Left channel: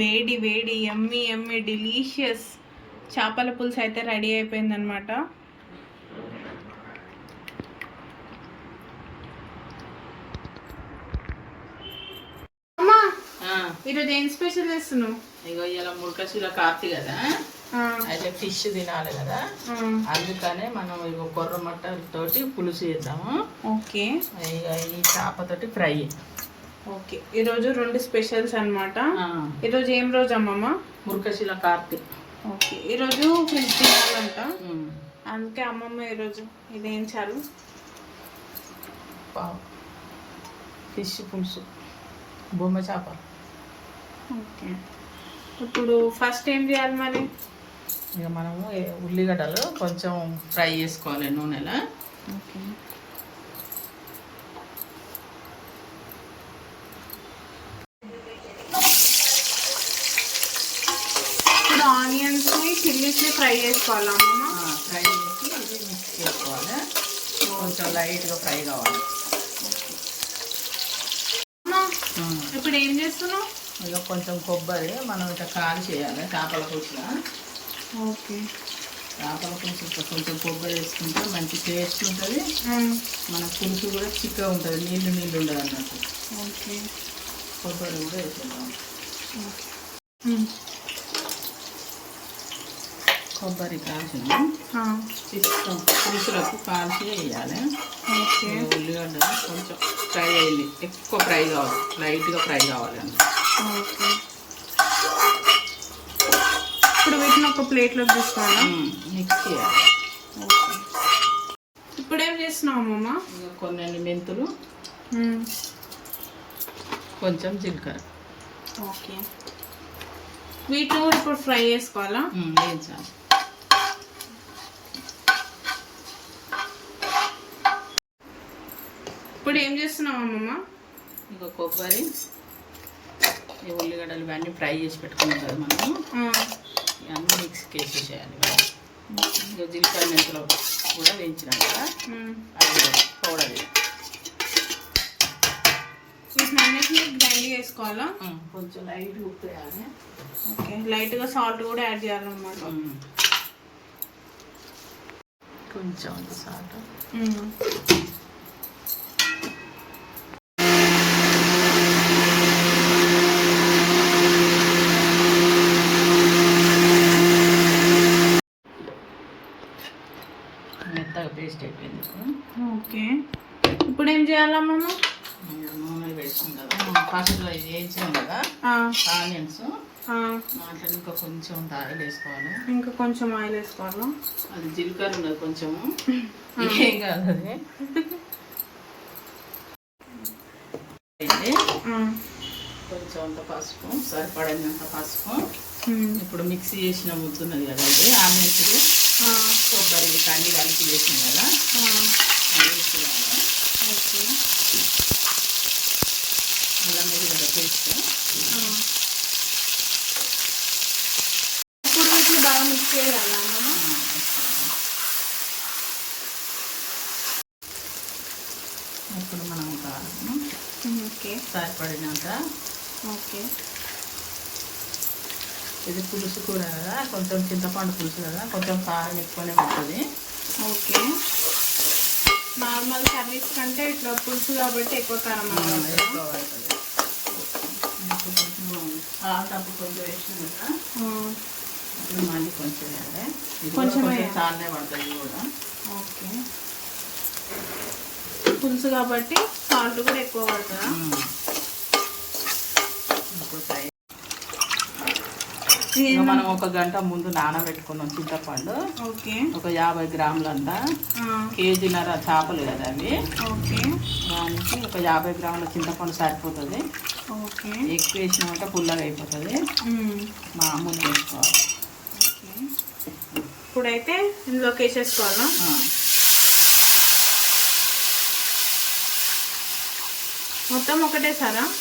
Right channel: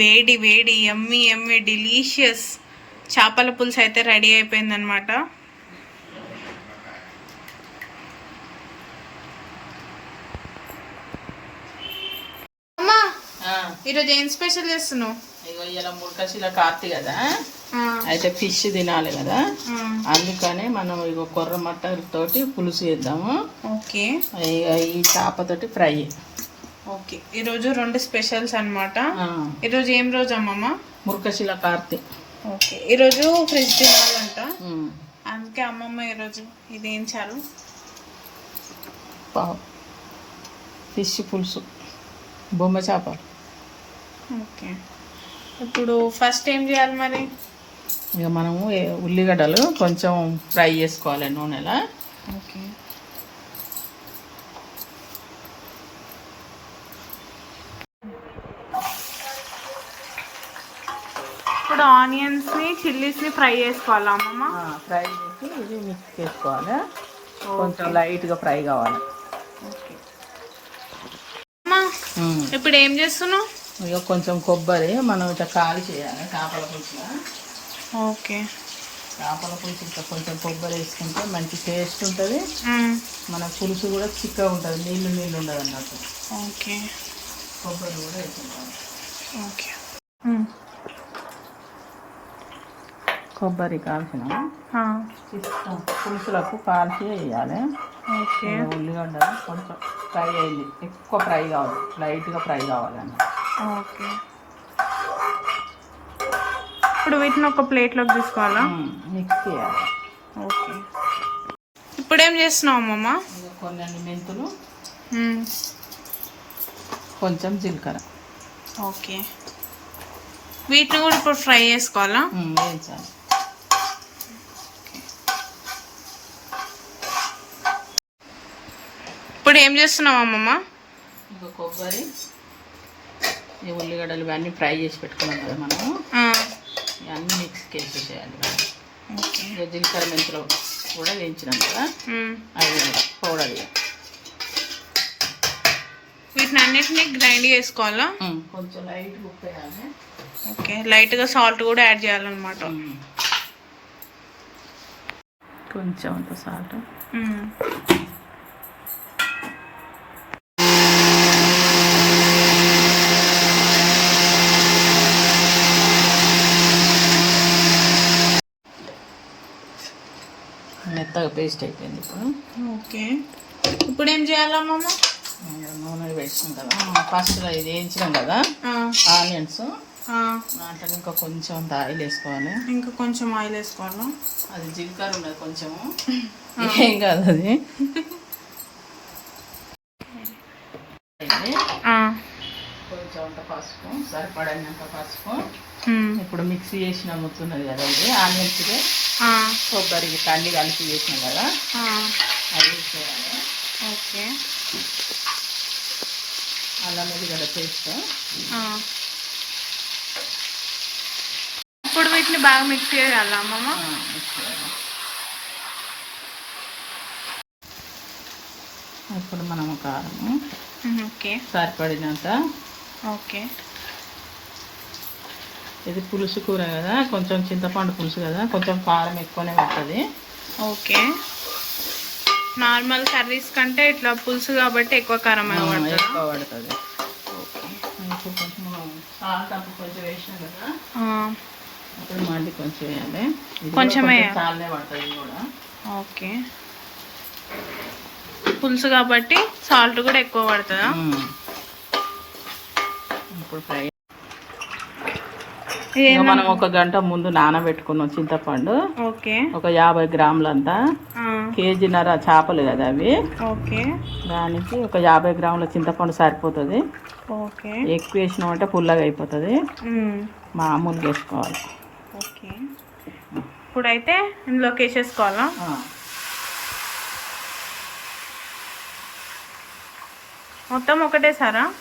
వేడి వేడి ఎమ్మి ఎమ్మి డిలీషియస్ చేపల పులుసు అయితే రెడీ అయిపోయిందనమాట ఈరోజు ఏం స్పెషల్ చేస్తున్నావు? ఇగో ఇలా ముల్కశిల కార్తీ కదా. అయితే ఫిష్ తినాలి కదా. అందుకనే మనం ఇగో కొర్ర మట్టలతోటి పులుసు చేద్దాము. ఓకే. ఇక ఈ చేపతోటి ఫ్రై. ఓకే. ఈరోజు రెండు స్పెషల్స్ అనమాట ఈరోజు ఏం రోజు అమ్మమ్మ? ముల్కశిల కార్తీ ఓకే. ఈరోజు ఫ్రిడ్జ్ తినాలంట. అందుకే అమ్మమ్మ ఈరోజు ఇదేం చాలు? ఫిష్ పులుసు. బొమ్మ చేప ఓకే. ఇప్పుడు ఫస్ట్ ఏం చేయాలి మరి? ఇక మనము ఉల్లిగడ్డలు కొంచెం ఫ్రై చేసుకోవాలి నూనెలో. ఓకే. ఇప్పుడు ఆనియన్స్ని చిల్లీస్ని ఫ్రై చేసుకోవాలా అమ్మమ్మ? ఫ్రై చేసి ఇది మిక్స్ చేసుకోవాలి. కొంచెం లైట్గా ఫ్రై కావాలి. ఓకే. అమ్మా ఇప్పుడు ఏం చేస్తున్నావు? ఇక కొంచెం కొబ్బరి మనం ఇట్లా కాలి చేయాలి చేపల పులుసులో ఓకే. చేపల పులుసు ఇట్లా కొంచెం కొబ్బరి వేసుకుంటే మంచి టేస్ట్ ఉంటుంది. మన పులుసు కూడా చిక్కగా ఉంటుంది నీళ్ళు నీళ్ళు ఉండదు అన్నట్టు. ఓకే. కొబ్బరి కూడా వేసుకుంటాం ఓకే. కొబ్బరి కాల్చిన పులుసులకు కాల్చి వేయాలి. ఓకే. ఉల్లిగడ్డ కొంచెం ఫ్రై అయ్యింది ఎక్కువ ఫ్రై కావాలి. లైట్గా ఫ్రై కావాలి అన్నమాట. ఓకే. ఇప్పుడు వీటిని ఒక ప్లేట్లోకి తీసుకోవాలా? మిక్స్ చేయాలి. ఓకే. ఇప్పుడు ఏం చేస్తున్నావు అమ్మమ్మ? కొన్ని మెంతులు. కొంచెం జీలకర్ర. ఓకే. వీటిని కూడా ఇప్పుడు ఫ్రై చేసుకోవాలా? వేయించాలి. ఇప్పుడు ఏం చేస్తున్నావు అమ్మమ్మ? ఇంకా కొబ్బరి ఉల్లిగడ్డలు ఇవన్నీ ఫ్రై చేసి పెట్టుకున్నాం కదా మనము. ఇవన్నీ మిక్స్ వేసేసేయాలి ఇక జీలకర్ర మెంతులు కూడా వేయించినాం కదా. అవి పౌడర్ వీటిని అన్నిటిని గ్రైండ్ చేసుకోవాలా? కొంచెం లైట్ ఉప్పు వేయాలి ఓకే లైట్గా సాల్ట్ కూడా యాడ్ చేయాలన్నమాట. కొంచెం సాల్ట్. పేస్ట్ అయిపోయింది ఇప్పుడు. ఓకే. ఇప్పుడు ఏం చేయాలమ్మమ్మ ఇంకా నూనె పెట్టుకుంటాం ఫస్ట్ ఇది వేయించినాం కదా. ఆనియన్స్. దాంట్లో ఇంకా కొంచెం ఆయిల్ వేసుకోవాలి. ఇంకా కొంచెం ఆయిల్ వేసుకోవాలా? అది జీలకర్ర ఉన్నది కొంచెము. ఏం కాదు అది. కొంచెం అంత పసుపు సరిపడినంత పసుపు. ఇప్పుడు మిక్సీ చేసిన ముద్దున్నది కదా ఇది ఆనియన్స్ కొబ్బరి పండి కలిపి చేసినాం కదా అది వేసేయాలి. ఓకే. అల్లం పేస్ట్. ఆ. ఇప్పుడు వీటిని బాగా మిక్స్ చేయాలా అమ్మమ్మ? ఇప్పుడు మనం కారం మ్మ్, ఓకే. సరిపడినంత ఓకే. ఇది పులుసు కూర కదా కొంచెం చింతపండు పులుసు కదా కొంచెం కారం ఎక్కువనే పడుతుంది. ఓకే. నార్మల్ కర్రీస్ కంటే ఇట్లా పులుసు కాబట్టి ఎక్కువ కారం పడుతుందా? ఎక్కువ పడుతుంది. ఇప్పుడు మళ్ళీ కొంచెం వేయాలి. కొంచెం. చాలనే పడుతుంది కూడా. ఓకే. పులుసు కాబట్టి సాల్ట్ కూడా ఎక్కువ పడుతుందా. ఇప్పుడు ఫ్రై మనం ఒక గంట ముందు నానబెట్టుకున్నాం చింతపండు. ఓకే. ఒక యాభై గ్రాములంతా. కేజీన్నర చేపలు కదా అవి. ఓకే. దానికి ఒక యాభై గ్రాముల చింతపండు సరిపోతుంది. ఓకే. ఎక్కువ వేసినామంటే పుల్లగా అయిపోతుంది. మ్మ్. మామూలు వేసుకోవాలి ఓకే. ఇప్పుడైతే ఇందులోకి వేసేసుకోవాలా. మొత్తం ఒకటే సారా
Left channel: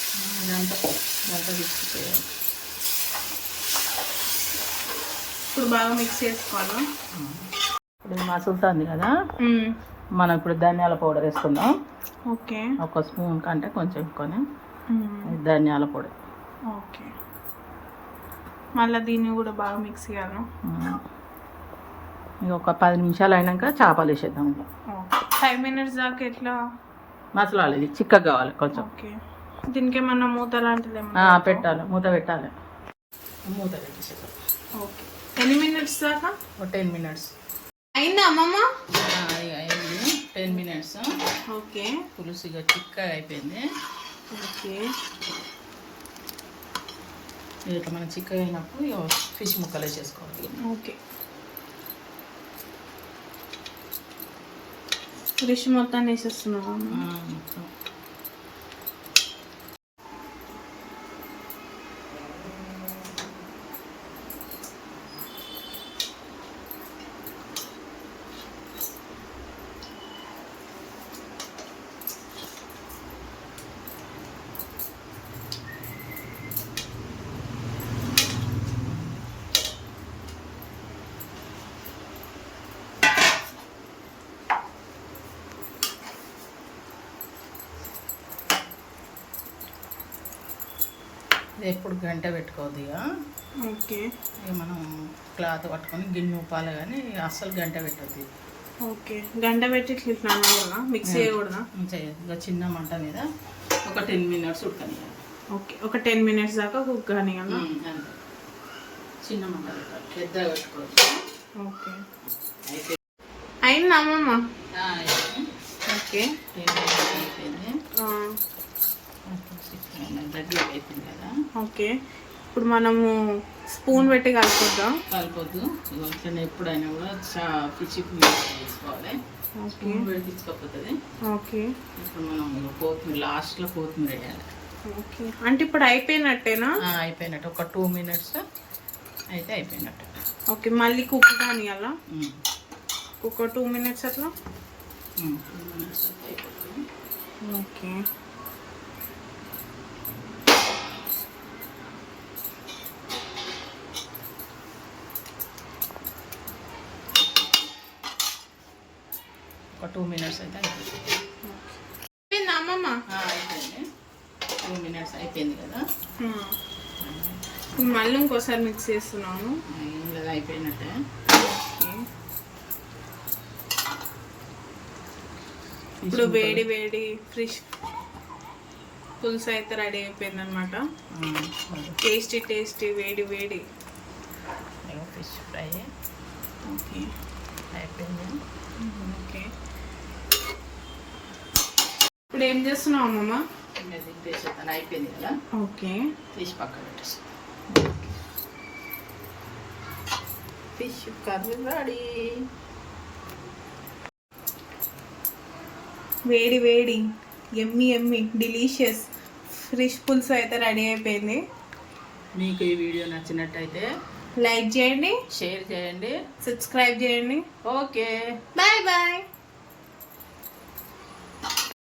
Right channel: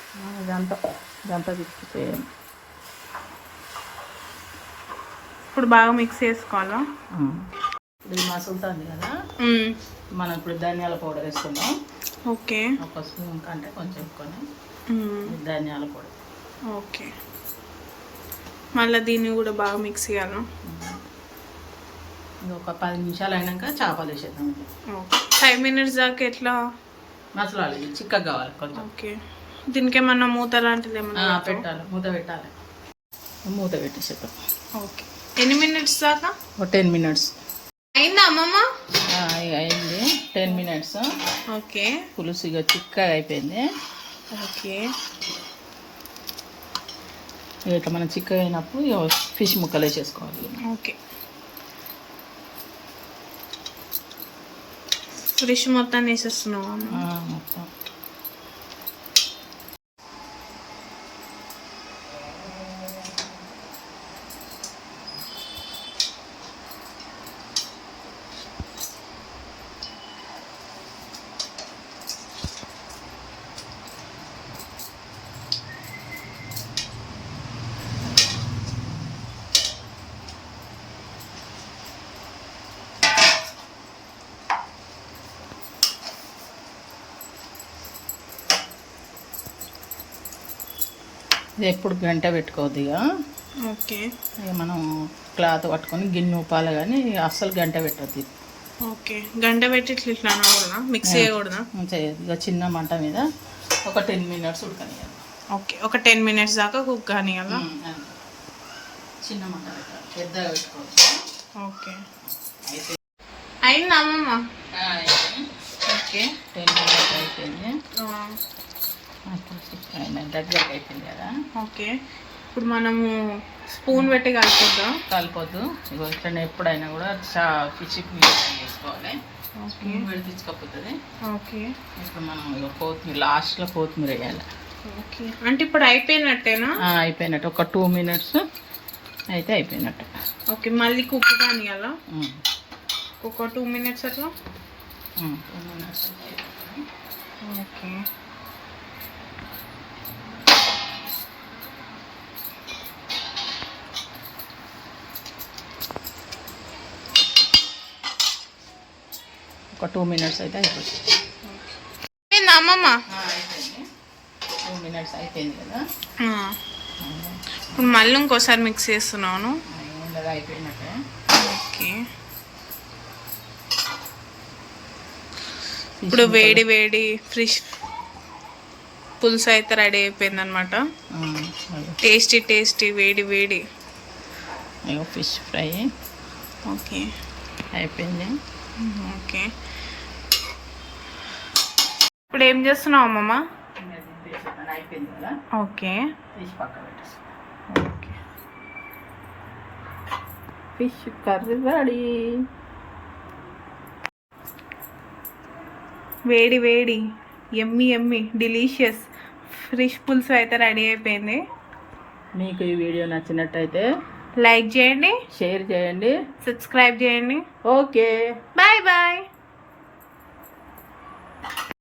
ఇదంతా తీసుకుపోయాను. ఇప్పుడు బాగా మిక్స్ చేసుకోవాలా? ఇప్పుడు మసులుతుంది కదా. మనం ఇప్పుడు ధనియాల పౌడర్ వేసుకుందాం. ఓకే. ఒక స్పూన్ కంటే కొంచెం కొని. ధనియాల పొడి ఓకే. మళ్ళీ దీన్ని కూడా బాగా మిక్స్ చేయాలి? ఇంకొక పది నిమిషాలు అయినాక చేపలు వేసేద్దాం ఫైవ్ మినిట్స్ దాకా ఎట్లా? మసలాలి చిక్కగా కావాలి కొంచెం. ఓకే. దీనికి ఏమన్నా మూత లాంటిది ఏమన్నా పెట్టాలి. మూత పెట్టాలి. మూత పెట్టేసేద్దాం. ఓకే. ఎన్ని మినిట్స్ దాకా? ఒక టెన్ మినిట్స్. అయిందా అమ్మమ్మ? అయింది. Ten minutes. ఓకే. పులుసు ఇక చిక్కగా అయిపోయింది. ఓకే. ఇట్లా మనం చిక్కగా అయినప్పుడు ఫిష్ ముక్కలు వేసేసుకోవాలి ఓకే. ఫిష్ మొత్తం వేసేస్తున్నావా అమ్మ? ఆ, మొత్తం. ఇది ఎప్పుడు గంట పెట్టుకోవద్దు ఇక. ఓకే. మనం క్లాత్ పట్టుకొని గిన్నె ఉప్పాలి కానీ అస్సలు గంట పెట్టద్దు. ఓకే. గంట పెట్టి ఇట్లా అనకూడదా? మిక్స్ చేయకూడదా? చేయదు ఇక చిన్న మంట మీద ఒక టెన్ మినిట్స్ ఉడకనియాలి. ఓకే. ఒక టెన్ మినిట్స్ దాకా కుక్ కానియాలా. చిన్న మంట పెట్టాలి. పెద్దగా పెట్టుకోవచ్చు. ఓకే. అయితే అయిందా అమ్మమ్మ. ఓకే. టెన్ మినిట్స్ అయిపోయింది. అయిపోయింది. కదా. ఓకే. ఇప్పుడు మనము స్పూన్ పెట్టి కలుపుద్దాం కలిపొద్దు. ఇగో ఇట్లా ఎప్పుడైనా కూడా చా ఫిష్ చేసుకోవాలి. ఓకే. స్పూన్ పెడిపించకపోతుంది ఓకే. ఇప్పుడు మనం కొత్తిమీర లాస్ట్లో కొత్తిమీర వేయాలి. ఓకే. అంటే ఇప్పుడు అయిపోయినట్టేనా? అయిపోయినట్టు. ఒక టూ మినిట్స్ అయితే అయిపోయినట్టు. ఓకే. మళ్ళీ కుక్ కానియాలా? ఉమ్. ఒక టూ మినిట్స్ అట్లా? Two minutes okay. ఒక టూ మినిట్స్ అయితే అయిపోతుంది. ఏంది అమ్మమ్మ? అయిపోయింది. టూ మినిట్స్ అయిపోయింది కదా. ఇప్పుడు మళ్ళీ ఇంకోసారి మిక్స్ చేస్తున్నాను. ఏం అయిపోయినట్టే. ఓకే. ఇప్పుడు వేడి వేడి ఫ్రిష్ పులుసు అయితే రెడీ అయిపోయింది అనమాట టేస్టీ టేస్టీ వేడి వేడి. Fish fry. ఓకే. అయిపోయింది. ఓకే. ఇప్పుడు ఏం చేస్తున్నావు అమ్మమ్మ? అయిపోయింది కదా? ఓకే. తీసి పక్క పెట్టేస్తాను ఫిష్ కర్రీ రెడీ. వేడి వేడి. ఎమ్మి ఎమ్మి. డిలీషియస్. ఫ్రిష్ పులుసు అయితే రెడీ అయిపోయింది. మీకు ఈ వీడియో నచ్చినట్టయితే లైక్ చేయండి. షేర్ చేయండి. సబ్స్క్రైబ్ చేయండి. ఓకే. Bye bye.